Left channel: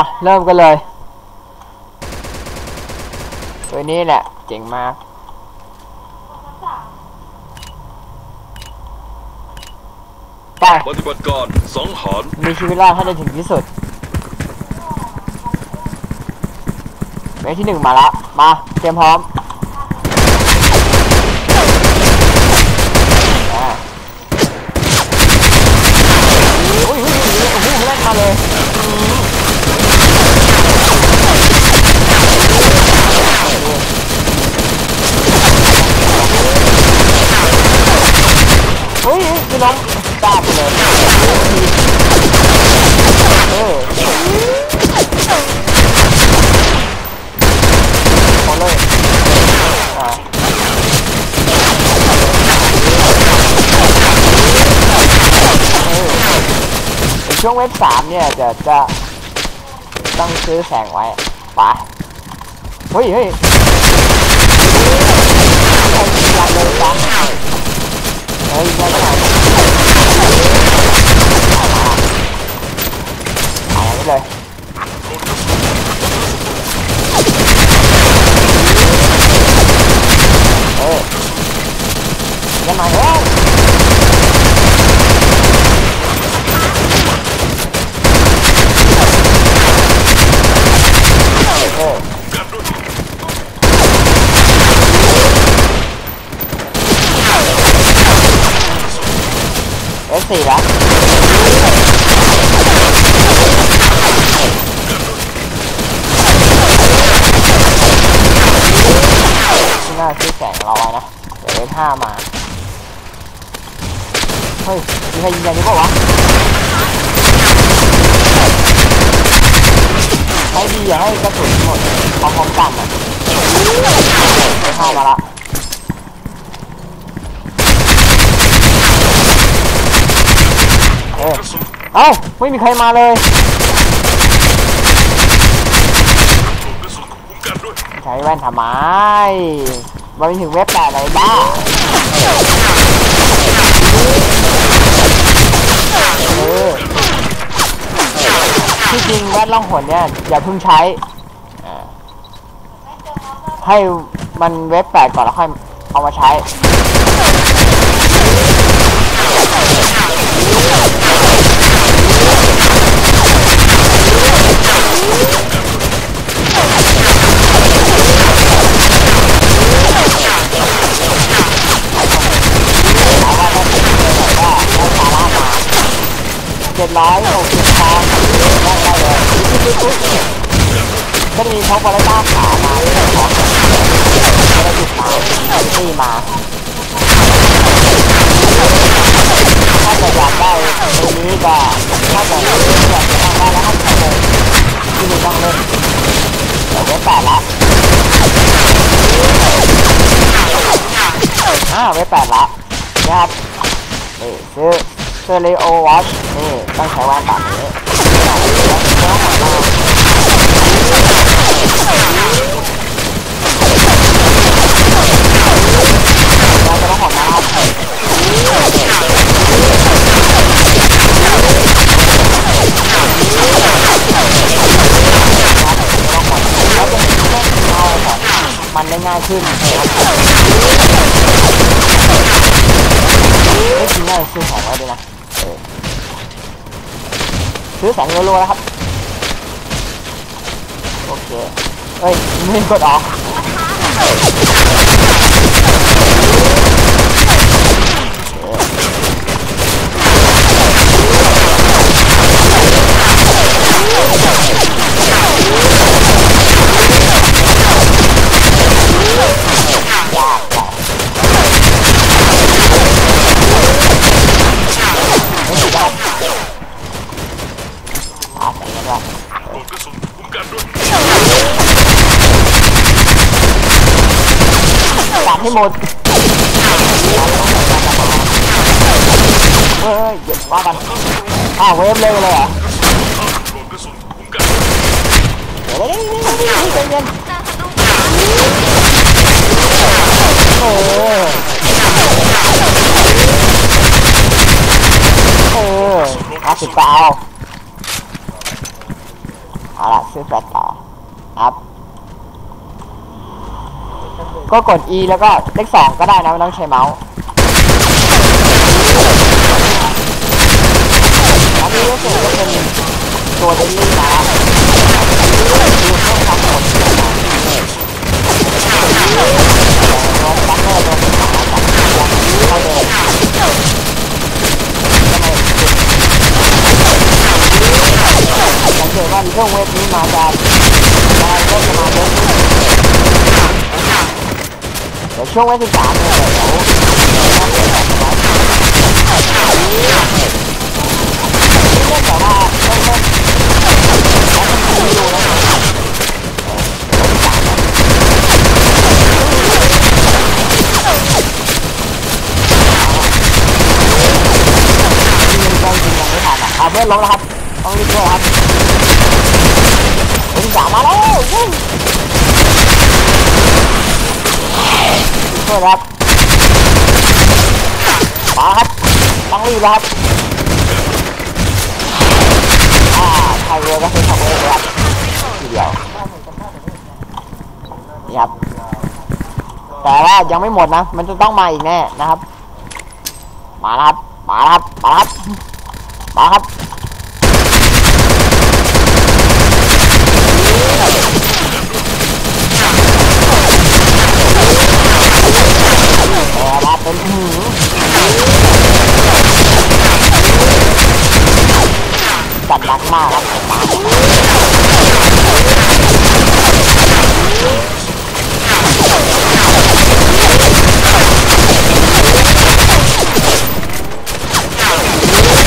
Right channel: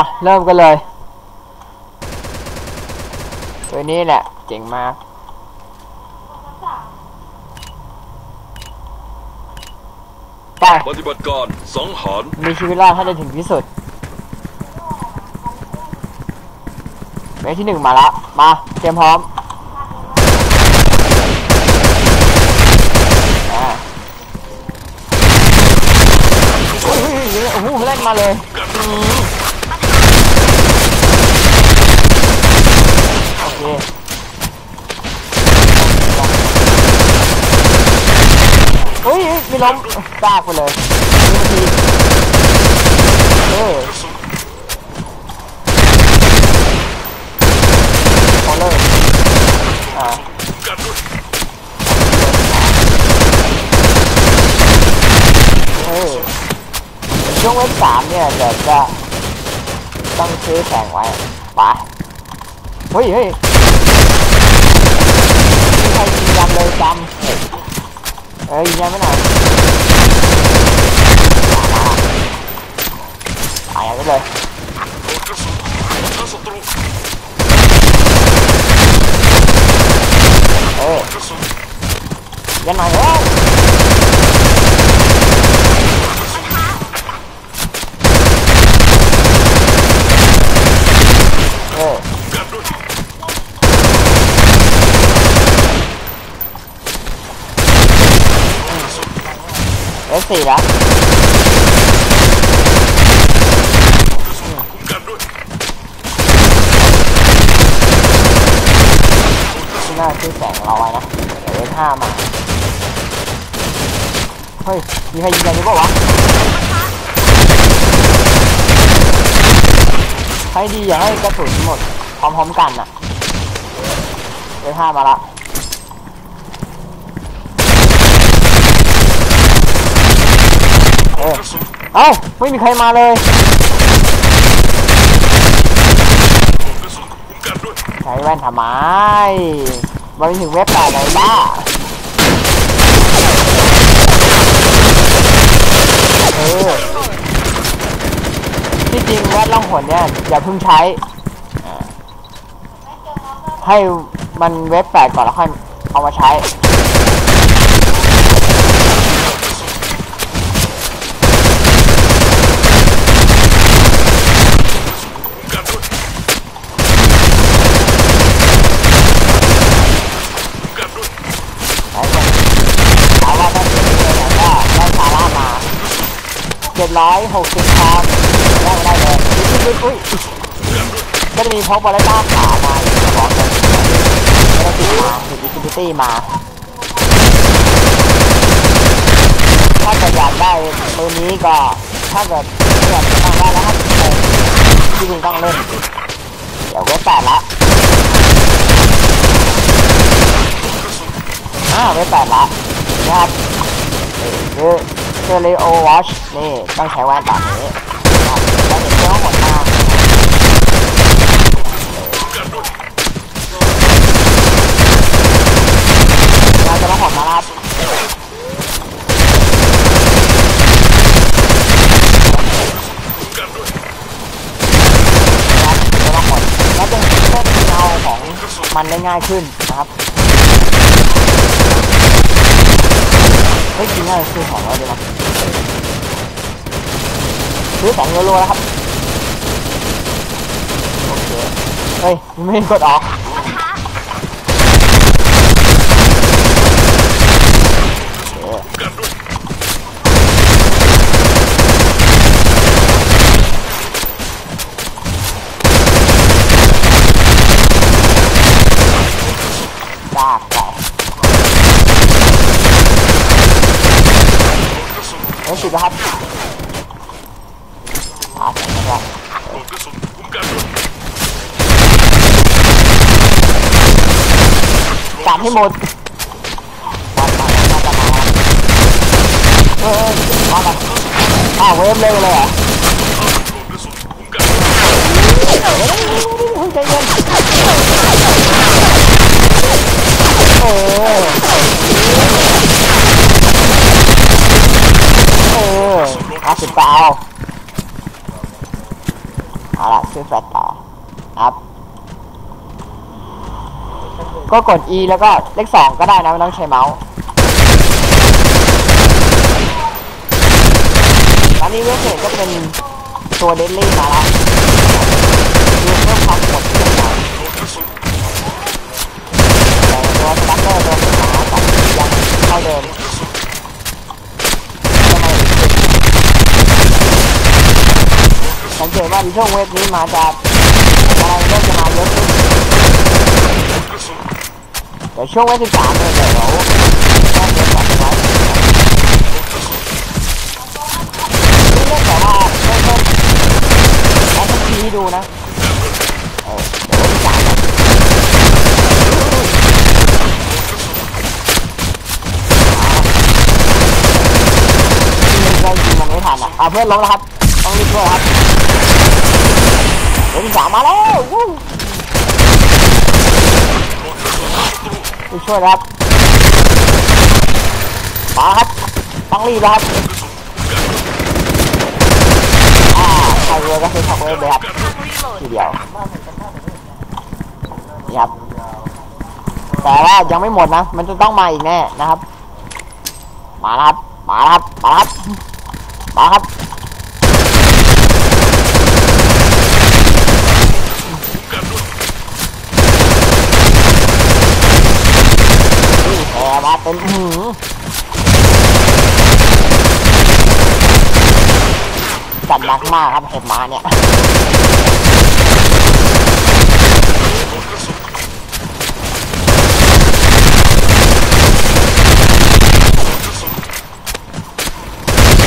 อะเริ่มกันเลย ตัวนี้แหละ เจ๋งมาก ไปปฏิบัติการสังหารมีชีวิตรอดให้ได้ถึงที่สุดเวทที่หนึ่งมาแล้วมา เตรียมพร้อมอ่าโอ้ยโอ้ยโอ้ยโอ้โหเล่นมาเลยอืมโอเคเฮ้ย พี่ล้มตากไปเลยทีเออพอเลยอ่าเออช่วงเว็บสามเนี่ยจะจะต้องซื้อแข่งไว้ไปเฮ้ยเฮ้ยใครยิงยันเลยจัง เฮ้ยยิงยันไม่ไหนหายไปเลยเออยันหน่อยเฮ้ยเออเอ สสี่แล้วที่หน้าซื้อแสงเราไว้นะเดี๋ยวเอสห้ามา เฮ้ย มีใครยิงกันอยู่เปล่าวะให้ดีอย่าให้กระสุนหมดพร้อมๆกันนะเอสห้ามาละ ออเอ้าไม่มีใครมาเลยใช้แว่นทำไมมันถึงเว็บแปดเลยบ้าเออที่จริงแว่นล่องหนเนี่ยอย่าเพิ่งใช้ ให้มันเว็บแปดก่อนแล้วค่อยเอามาใช้ ถามว่าถ้าเกิดเลยแบบว่าได้ซาร่ามาเจ็ด ร้อยหกสิบคอนได้ได้เลยอุ้ยอุ้ยอุ้ยก็จะมีพกบอลเลต้าขามาของแบบไม่ได้ติดมาติดอินฟิตี้มา ถ้าเกิดอยากได้ตัวนี้ก็ถ้าเกิดอยากจะต้องได้แล้วครับที่มึงต้องเล่นเดี๋ยวเว็แปดละอ่าเว็บแปดละนะครับนี่คือ เซเลโอวอชนี่ต้องใช้แว่นแบบนี้แล้วถึงจะต้องหมดมาเราจะต้องหมดมาครับนะครับจะต้องหมดแล้วจะเพิ่มเงาของมันได้ง่ายขึ้นนะครับ ไม่ทิ้งเอาซื้อของไว้ด้วยนะซื้อของยูโรแล้วครับ โอเค เฮ้ย ไม่กดออกโอเคยากไปไม่ติดนะครับหาแสงกันว่าตัด ให้หมดตัดตัดตัดตัดมาเฮ้ยมากันอ้าวเวฟเร็วเลยเหรอเฮ้ยใจเย็นเออเออห้าสิบเปล่าเอาละละซื้อแฟลชต่อครับ ก็กด E แล้วก็เลขสองก็ได้นะไม่ต้องใช้เมาส์แล้วนี่ก็คือก็เป็นตัวเดลลี่มาแล้วดูเพิ่มความโหดขึ้นหน่อยตัวบัตเตอร์ตัวสุดท้ายกับยังเท่าเดิมทำไมจุดสังเกตว่าช่วงเวฟนี้มาจะอะไรก็จะมาเยอะขึ้น เดี๋ยวช่วงวันที่สามเนี่ยเดี๋ยวต้องเรียนแบบไว้นี่เล่นแต่ว่าเล่นเล่นแล้วมันทีดูนะเออเดี๋ยววันที่สามนะยิงยังได้ยิงยังไม่ทันอะอะเพื่อนล้มแล้วครับต้องรีบช่วยครับวันที่สามมาแล้ว ช่วยครับมาครับต้องรีบครับอ่าใครเรือก็คือขับเรือเลยครับทีเดียวนี่ครับแต่ว่ายังไม่หมดนะ มันจะต้องมาอีกแน่นะครับ มาครับ มาครับ มาครับ มาครับ แอร์มาเป็นหืมจัดหนักมากครับผมมาเนี่ย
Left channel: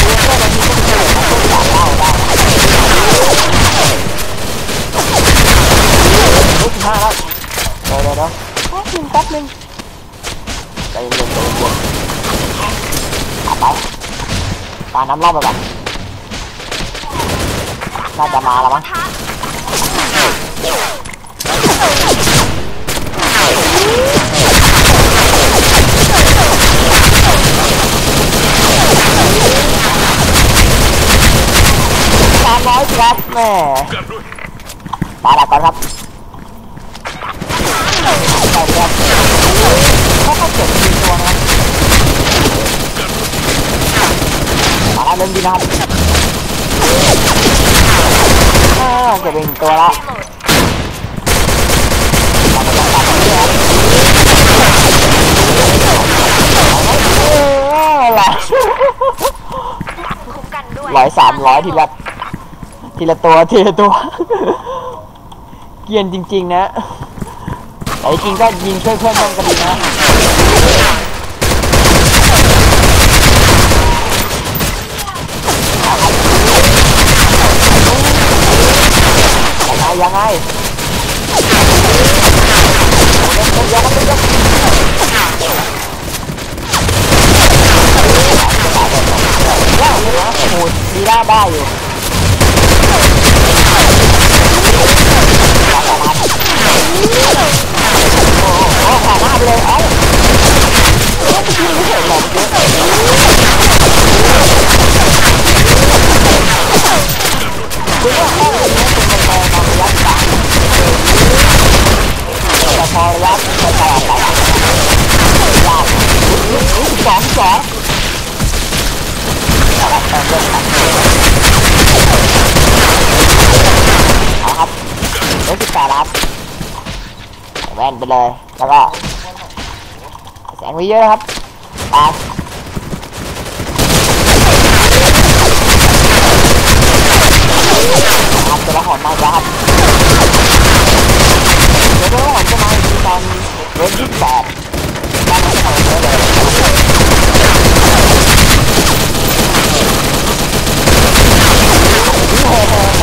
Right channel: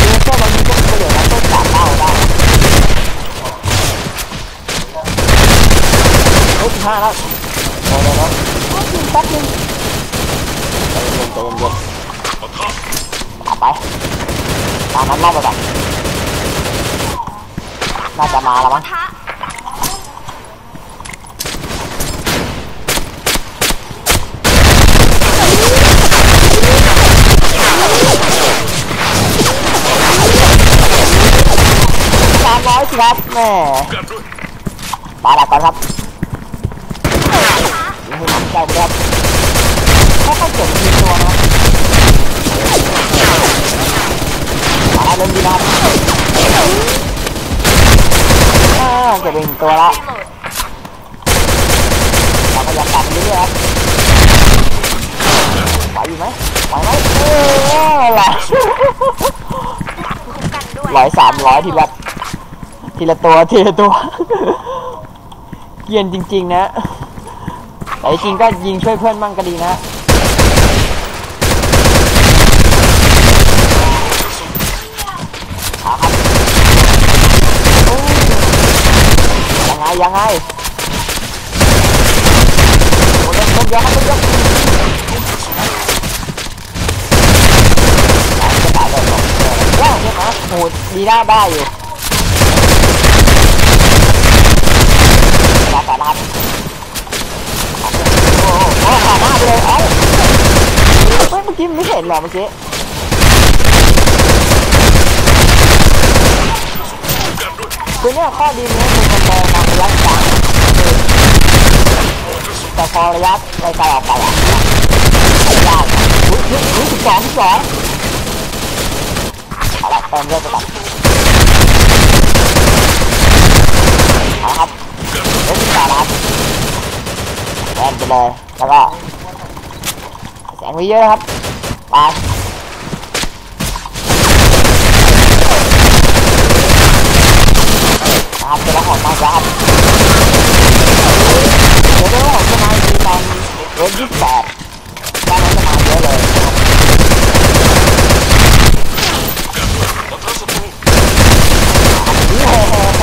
คือแค่บางทีก็เฉลี่ยนะก็จับเล่าได้เฮ้ยสิบห้าแล้วเดี๋ยวเดี๋ยวเดี๋ยวแป๊บนึงแป๊บนึง ใจเย็นใจเย็นเอาไป ตามนั้นรอบไปก่อนน่าจะมาแล้วมั้งสามร้อยครับแม่มาแล้วก่อนครับไม่หายใจเลยครับถ้าเขาเกิดมีตัวนะครับ มาแล้วเริ่มดีนะครับอ่าเก็บเป็นตัวละเราพยายามตัดนี้ด้วยครับเอาไหมเออแหละคุ้มกันด้วยร้อยสามร้อยทีละทีละตัวทีละตัว เกรียนจริง ๆ นะแต่จริงๆก็ยิงช่วยเพื่อนบ้างก็ดีนะ ยังไงยังไงโอ้ยกครับเล่นยกจะตายได้องตัวแล้วเห็นไหมโหดีได้ได้อยู่รับแต่รับโอ้โหโอ้โหขาหน้าไปเลยเอ้าเอ้าเมื่อกี้มันไม่เห็นหรอเมื่อกี้ คือว่าข้อมูลนี้คุณเป็นแปลมาระยะกลางแต่พอระยะไปไกลออกไปอะยากรู้รู้รู้สิบสองสองเอาละเติมเรื่องไปก่อนเอาครับเรื่องสิบแปดครับแว่นไปเลยแล้วก็แสงไว้เยอะครับไปครับ จะละหอนมาครับเดี๋ยวจะละหอนจะมาดีตอนรื่องยี่สิบแปดด้านนั้นจะมาเยอะเลยโอ้โห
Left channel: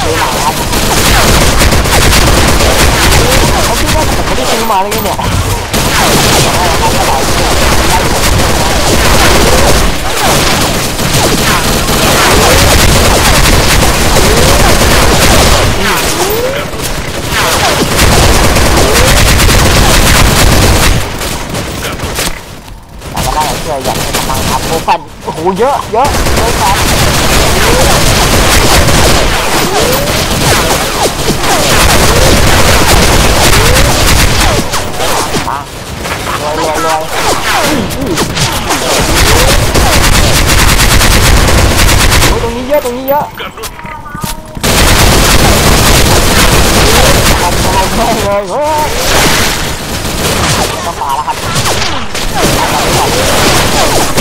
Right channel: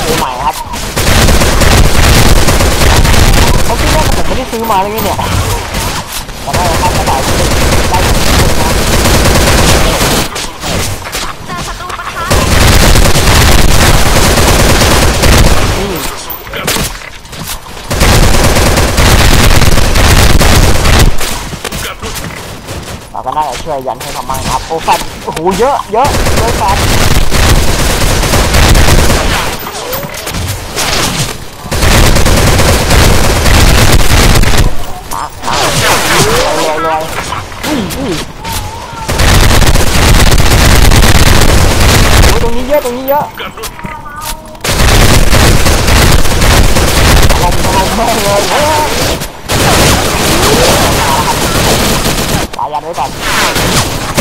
ซื้อม่ครับเขาคิดว่าผมไม่ได้ซื้อมาเลยเนี่ย มัครับโอ้แฟนโอ้โหเยอะเยอะเยอะแฟนรวยรวยอุ้ยโอ้ตรงนี้เยอะตรงนี้เยอะทไม่เลยเฮ้ยมาแล้วครับไปแล้วไม่หม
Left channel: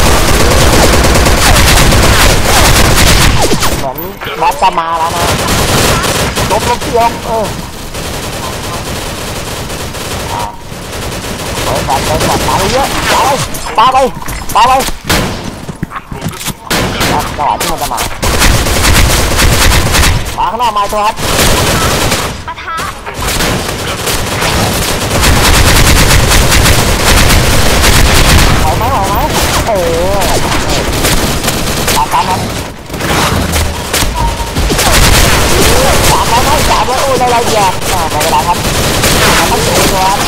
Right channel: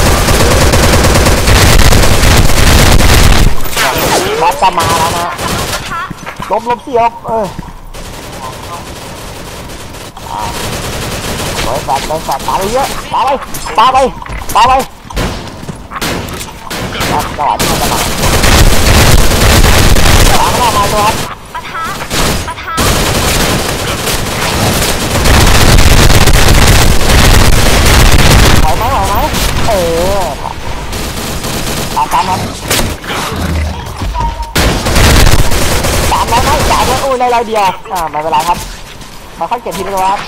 นบอสจะมาแล้วนะลบลบเสียวเอออ่าเฮ้ยแบบเป็นแบบปาไปเยอะปาไปปาไปปาไปครับจังหวะที่มันจะมาปาข้างหน้ามาตัวครับ ปะทะ ไหวไหมไหวไหมเออตามตามครับสามร้อยไหมสามร้อยโอ้ย ได้ร้อยเดียวอ่าไม่เป็นไรครับมาตั้งเจ็ดดีกว่าครับ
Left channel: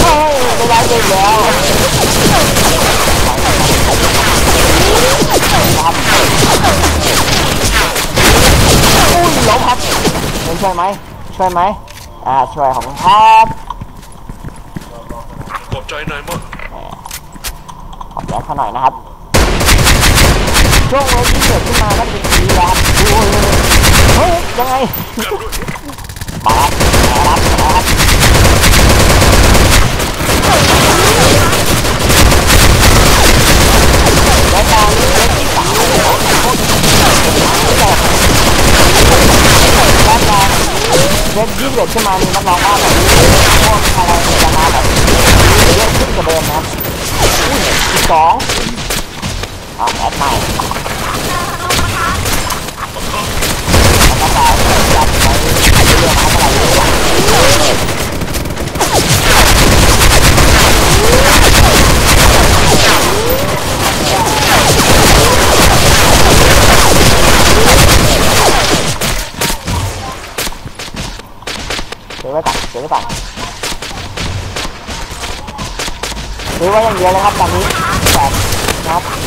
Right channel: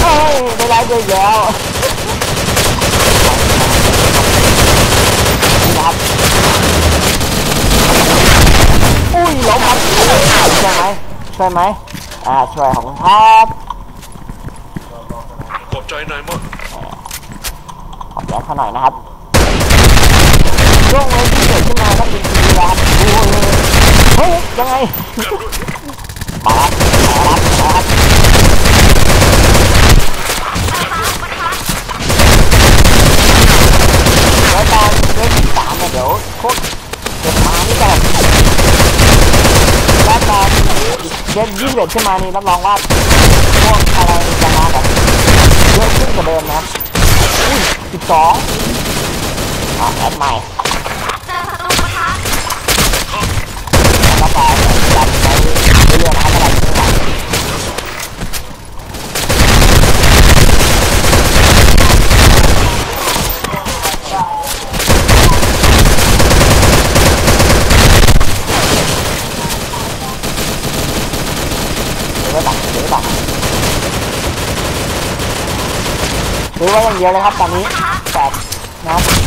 เฮ้ยได้ร้อยเดียวอีกแล้วครับอุ้ยล้มครับช่วยไหมช่วยไหมอ่าช่วยของคุณครับขอบใจนายมากขอบใจเขาหน่อยนะครับ ช่วงเวลาที่เกิดขึ้นมาก็เป็นทีครับโอ้ยเฮ้ยยังไงกันด้วยมาครับมาครับมาครับรายการเรื่องที่สามเดี๋ยวพวกเป็นมาที่แบบรายการเรื่องยี่สิบเอ็ดขึ้นมานี่รับรองว่าพวกอะไรจะมาแบบเยอะขึ้นกว่าเดิมนะอุ้ยสิบสอง เอกแอดใหม่แล้วก็จะยันไปเรื่ยๆนะครับเท่าไหร่ที่หลังถือว่ดถือว่าตัดถือว่าอย่างเดียวเลยครับตอนนี้แปดนะครับ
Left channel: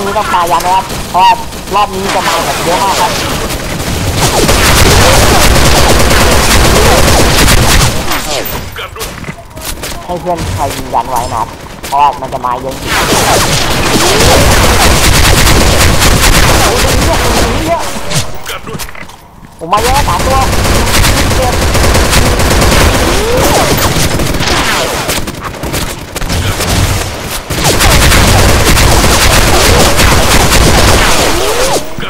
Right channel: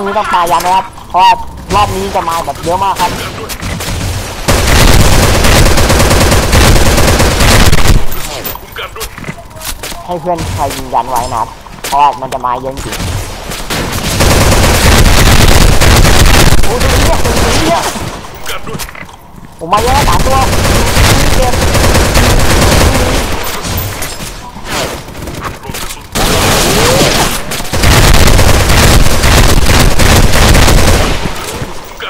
วงนี้ต้องปายยันนะครับ เพราะรอบนี้จะมาแบบเยอะมากครับให้เพื่อนใครยิงยันไว้นะครับ เพราะมันจะมาเยอะจริงโอ้ยตรงนี้เยตรงนี้เรียกผมมาเยอะแล้วสามตัวเก็บ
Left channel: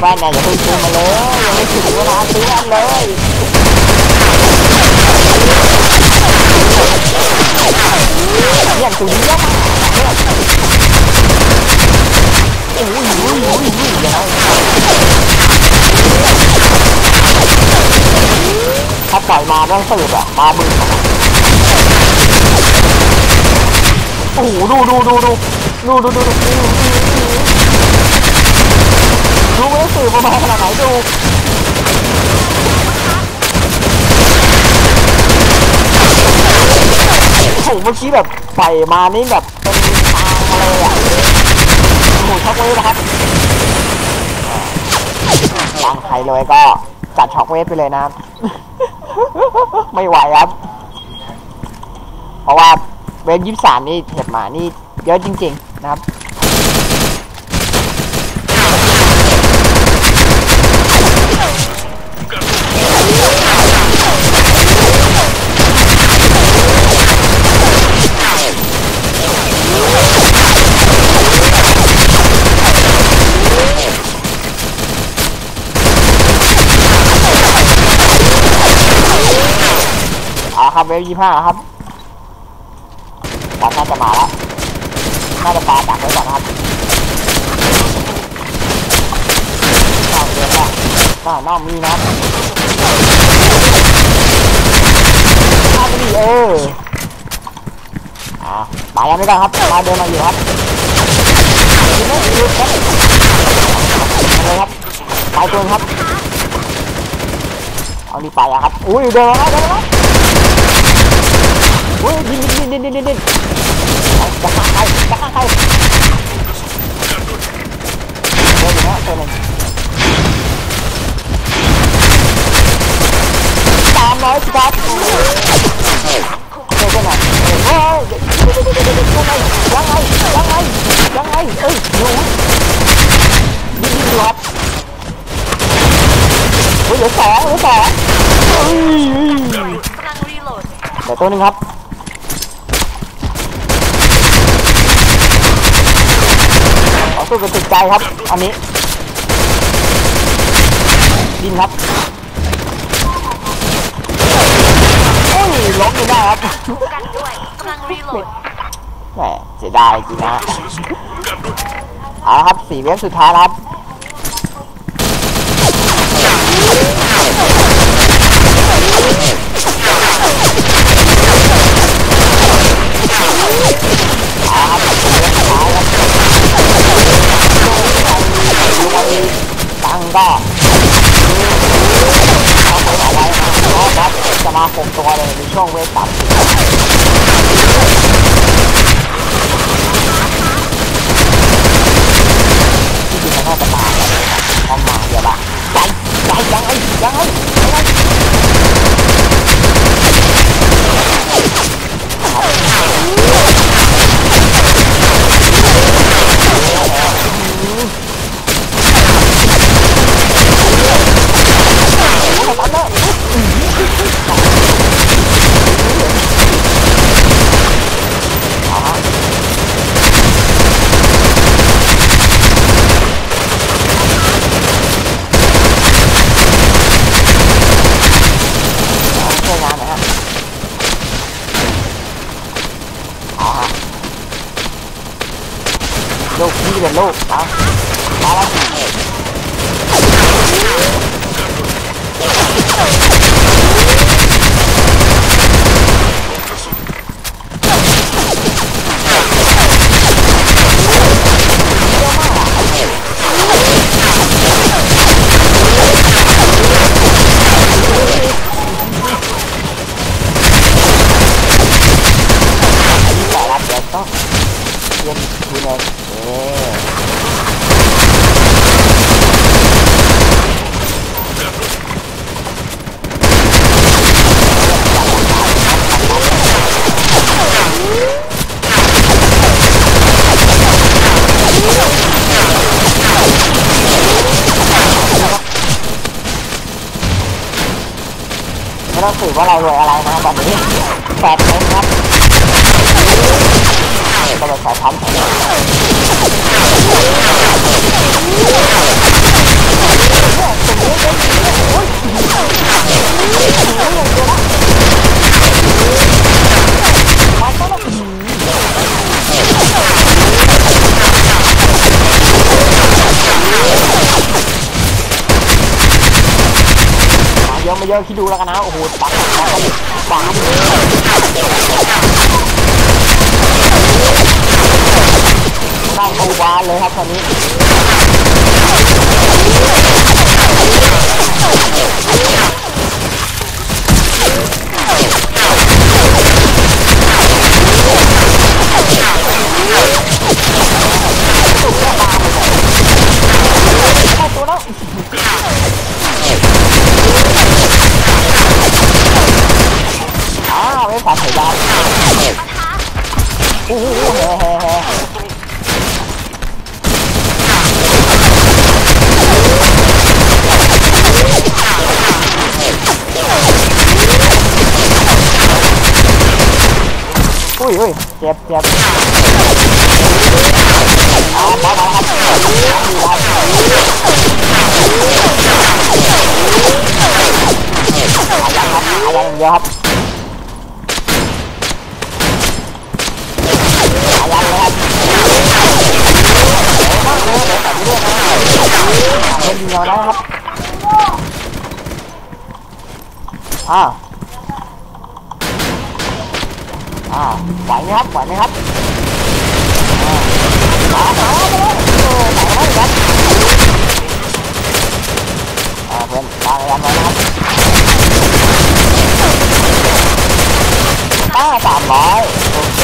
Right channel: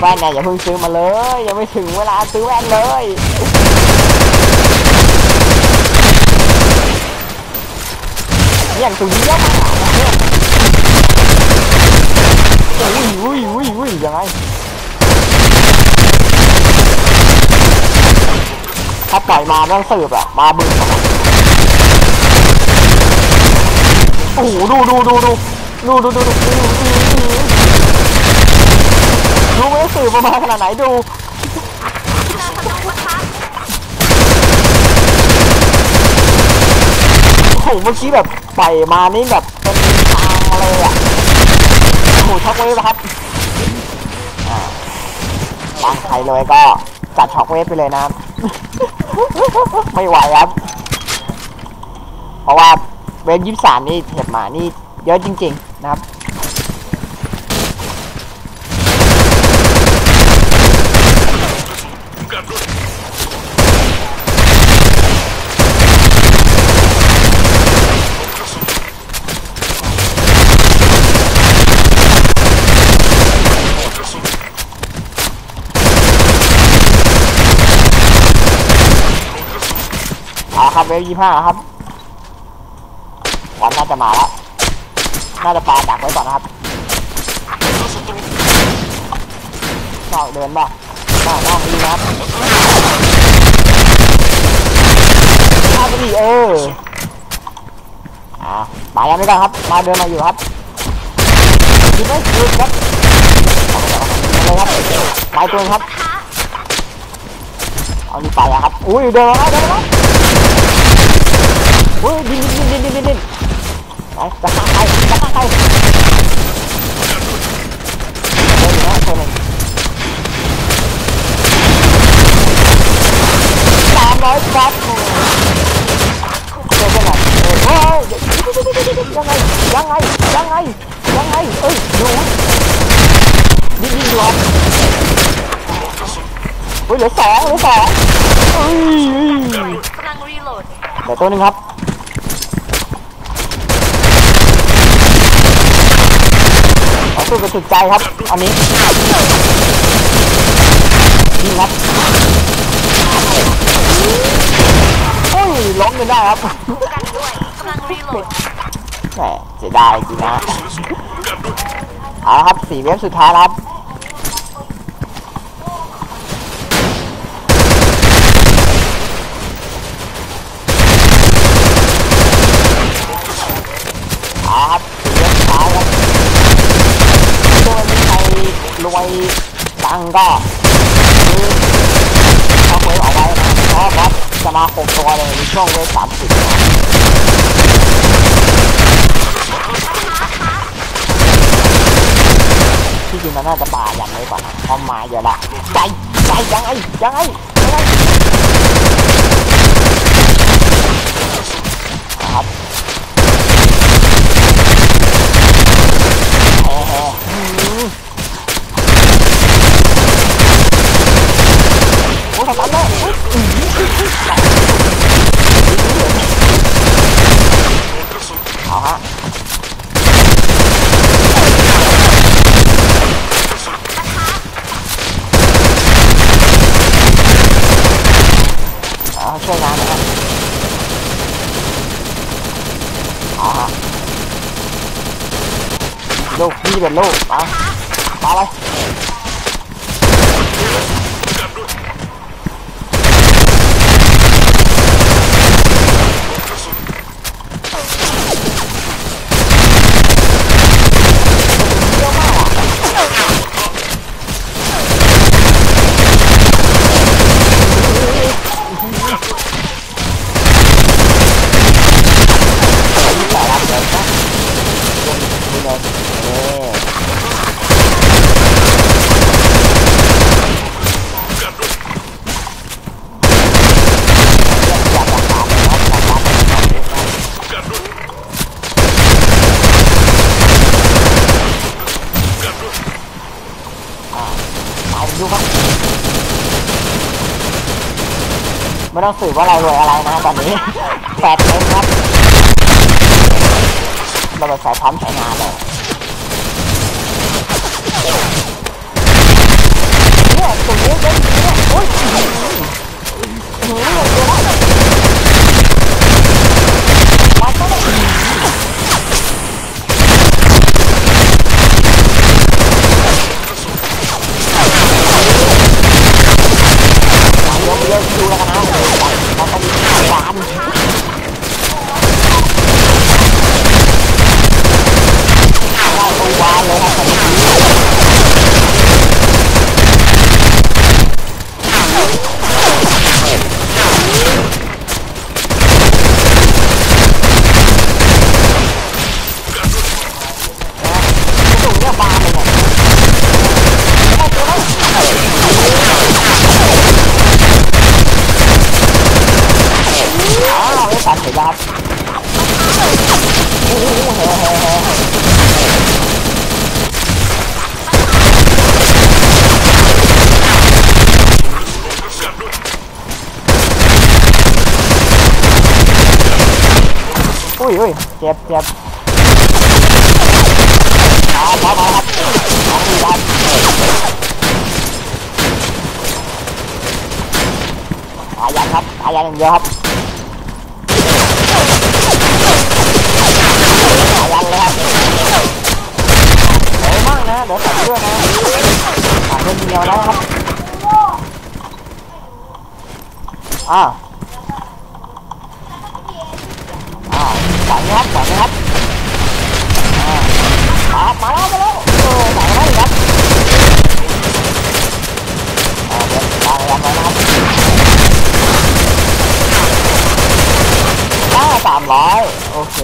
แว่นนี่ยอย่าเพิ่งซื้อมาเลยยังไม่ถึงเวลาซื้อแว่นเลยเนี่ยตัวนี้เยอะมากเนี่ยอุ้ยอุ้ยอุ้ยอุ้ยยังไงถ้าปล่อยมาไม่ต้องสืบอะมาบึ้งโอ้โหดูดูดูดูดูดูดูดู ดูดูดูไม่ต้องสืบประมาณขนาดไหนดูโอ้โหเมื่อกี้แบบไปมานี่แบบเป็นทางเลยอะหมูช็อกเวฟนะครับอ่างใครเลยก็จัดช็อกเวฟไปเลยนะ ไม่ไหวครับ เพราะว่าเวฟยี่สามนี่เห็บหมานี่เยอะจริง ๆ นะครับ เอาละครับเวฟยี่ห้าครับวันน่าจะมาแล้ว น่าจะปาดักไว้ก่อนนะครับเข้าเดินละหน้าหน้ามีนะครับข้าไปดิเอออ่าปายังไม่ก่อนครับ มาเดินมาอยู่ครับยิงไม่หยุดครับเอาเลยครับไปตัวครับ เอานี่ไปอะครับ อุ้ยเดินมาแล้วเดินมาแล้ว เฮ้ยดินดินดินดินดินดินเอาจะฆ่าใครจะฆ่าใครเดินอยู่นะตัวหนึ่งสามร้อยปั๊บเจอกันหน่อยเฮ้ยยังไงยังไงยังไงยังไงเอ้ยดูดินดินหลอดเฮ้ยเหลือสองเหลือสองเฮ้ยแต่ตัวนึงครับ สู้กันสุดใจครับ อันนี้ยิงครับโอ้ยล้มไม่ได้ครับกันด้วยกำลังรีโหลดแหมเสียดายจริงนะฮะกันด้วยเอาละครับสี่เวฟสุดท้ายแล้วครับเอาละครับสี่เวฟสุดท้ายครับโดนใคร รวยตังก็คือเขาเคยเอาไว้นะเพราะบอสจะมาหกตัวเลยในช่วงเวฟสามสิบที่จริงมันน่าจะมาแบบนี้แบบพอมาเดี๋ยวละใจใจยังไงยังไงยังไงครับโอ้โหทำได้ เอาฮะอ่าช่วยงานหน่อยครับเอาฮะลูกพี่เป็นลูกมามาแล้ว กันด้วยกระสุน เยอะมากอะอายุแต่ละเดือนก็เรียนมีเงินเออ กันด้วย อยากรักษาเลยนะทำการ ไม่องสืบว่าเรารวยอะไรนะตอนนี้แปดเต็มครับเราไปใส่พร้อมใส่งานเนี่ยตรงนี้ได้ดีเนี่ยโอ้ยหนีอย่างวละมาซะเลยมาเยอะมาเยอะดูแล้วกันนะโอ้โหตังค์ตังค์กันบานได้ตัวบานเลยครับคันนี้ สูงเนี่ยบานเลยเนี่ยไม่ได้ตัวแล้วอ้าวไอ้สารไถ่ดาวโอ้โหเฮ้เฮ้เฮ้อุ้ยอุ้ย เจ็บเจ็บอาพร้อมาครับสองทีครับอายันครับอายันอย่างเดียวครับอายันเลยครับเร็วมากนะเดี๋ยวตัดด้วยนะอ่าเพิ่มเดียวแล้วครับอ้า อ้าไหวไหมครับไหวไหมครับอ่ามามาแล้วมาแล้วโอ้ไหนมาอีกครับอ่าเดินตายแล้วนะครับอ่าสามร้อยโอเค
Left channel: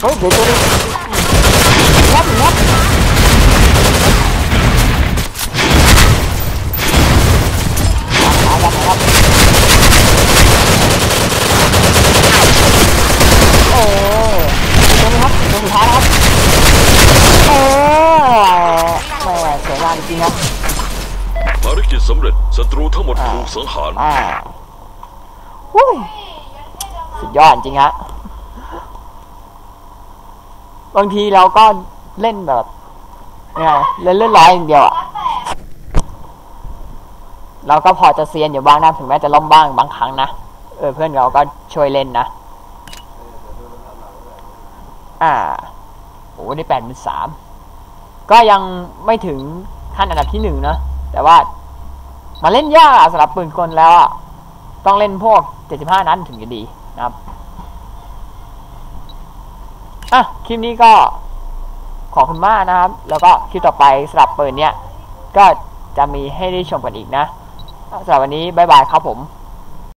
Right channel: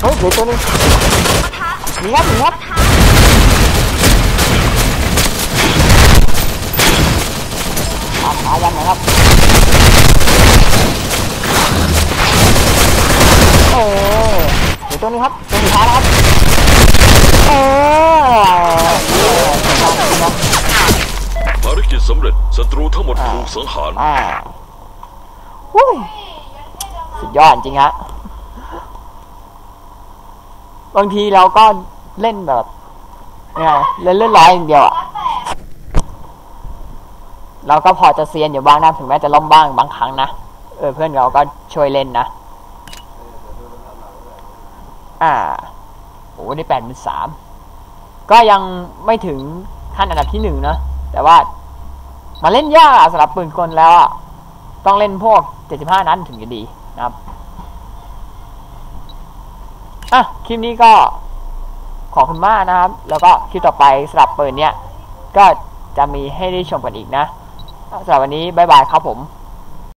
เฮ้ยเดี๋ยวตัวนี้งับงับขาขายันหนะครับโอ้เดี๋ยวตัวนี้ครับตัวสุดท้ายนะครับเออเออสวยงามจริงๆครับภารกิจสำเร็จศัตรูทั้งหมดถูกสังหารอ่าวุ้ยสุดยอดจริงฮะ บางทีเราก็เล่นแบบเนี่ยเล่นเล่นร้อยอย่างเดียวอะเราก็พอจะเซียนอยู่บ้างนะถึงแม้จะล้มบ้างบางครั้งนะเออเพื่อนเราก็ช่วยเล่นนะอ่าโอ้ได้แปดเป็นสามก็ยังไม่ถึงขั้นอันดับที่หนึ่งนะแต่ว่ามาเล่นยากสำหรับปืนกลแล้วอะต้องเล่นพวก 75 นั้นถึงจะดีนะครับ อะคลิปนี้ก็ขอบคุณมากนะครับ แล้วก็คลิปต่อไปสำหรับปืนเนี้ยก็จะมีให้ได้ชมกันอีกนะสำหรับวันนี้บายบายครับผม